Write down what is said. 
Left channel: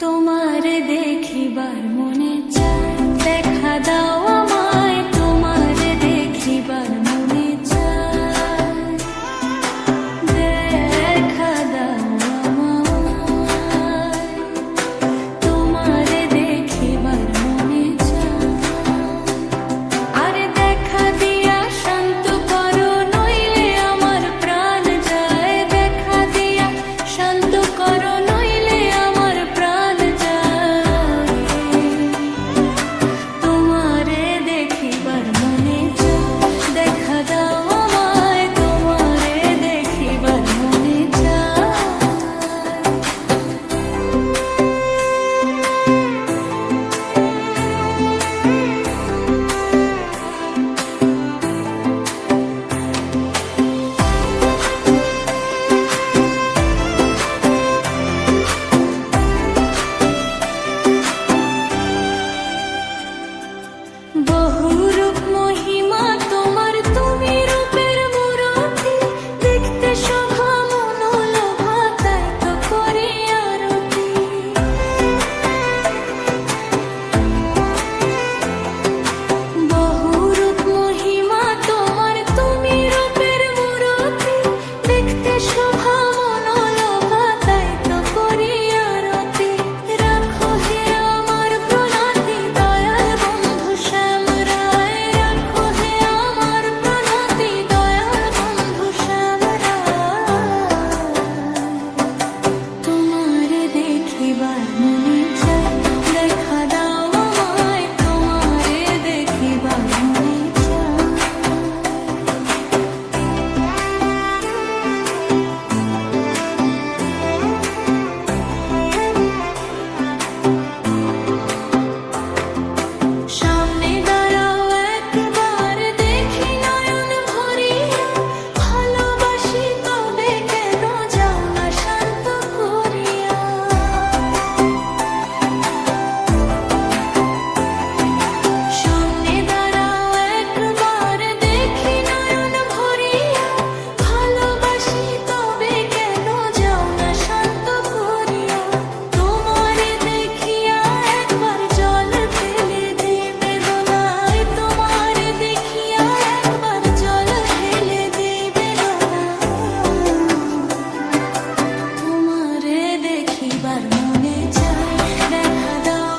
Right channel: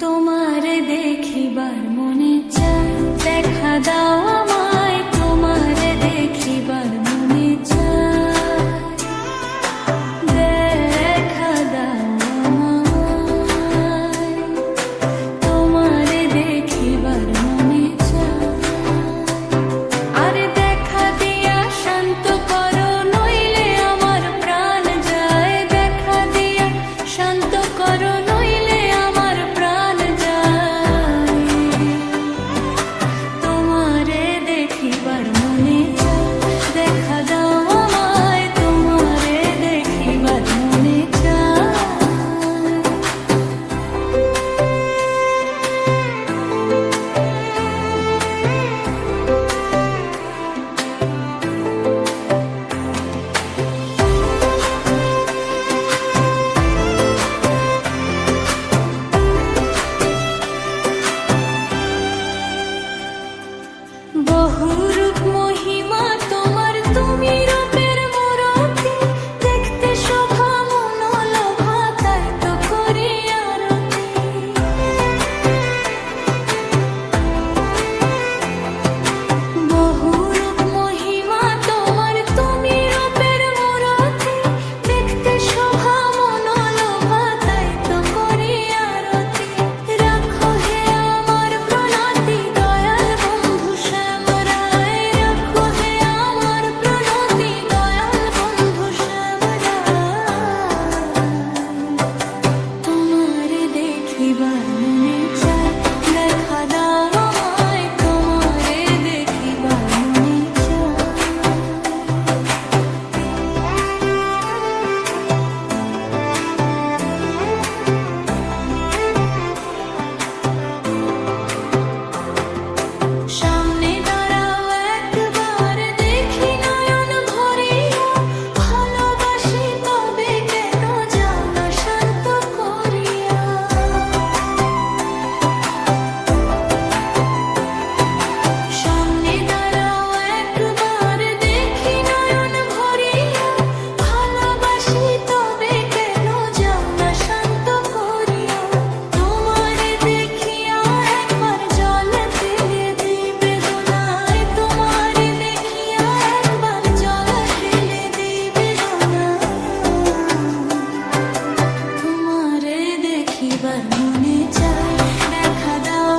তোমারে দেখিবার মনে চায়, দেখা দাও আমায়, তোমারে দেখিবার মনে চায়, দেখা দাও আমায়, তোমারে দেখিবার মনে চায়। আরে দেখা দিয়া শান্ত করো, নইলে আমার প্রাণ যায়, দেখা দিয়া শান্ত করো, নইলে আমার প্রাণ যায়, তোমারে দেখিবার মনে চায়, দেখা দাও আমায়, তোমারে দেখিবার মনে চায়। বহুরূপ মহিমা তোমার, তুমি রূপের মূরতি, দেখতে শোভা মনোলোভা, তাই তো করি আরতি। বহুরূপ মহিমা তোমার, তুমি রূপের মূরতি, দেখতে শোভা মনোলোভা, তাই তো করি আরতি। রাখো হে আমার প্রণতি, দয়াল বন্ধু শ্যাম রায়, রাখো হে আমার প্রণতি, দয়াল বন্ধু শ্যাম রায়, তোমারে দেখিবার মনে চায়, দেখা দাও আমায়, তোমারে দেখিবার মনে চায়। সামনে দাঁড়াও একবার, দেখি নয়ন ভরিয়া, ভালোবাসি তবে কেন যাও না শান্ত করিয়া। সামনে দাঁড়াও একবার, দেখি নয়ন ভরিয়া, ভালোবাসি তবে কেন যাও না শান্ত করিয়া। তোমারে দেখিয়া একবার জল ফেলে দিবে দোনায়, তোমারে দেখিয়া একবার জল ফেলে দিবে দোনায়, তোমারে দেখিবার মনে চায়, দেখা দাও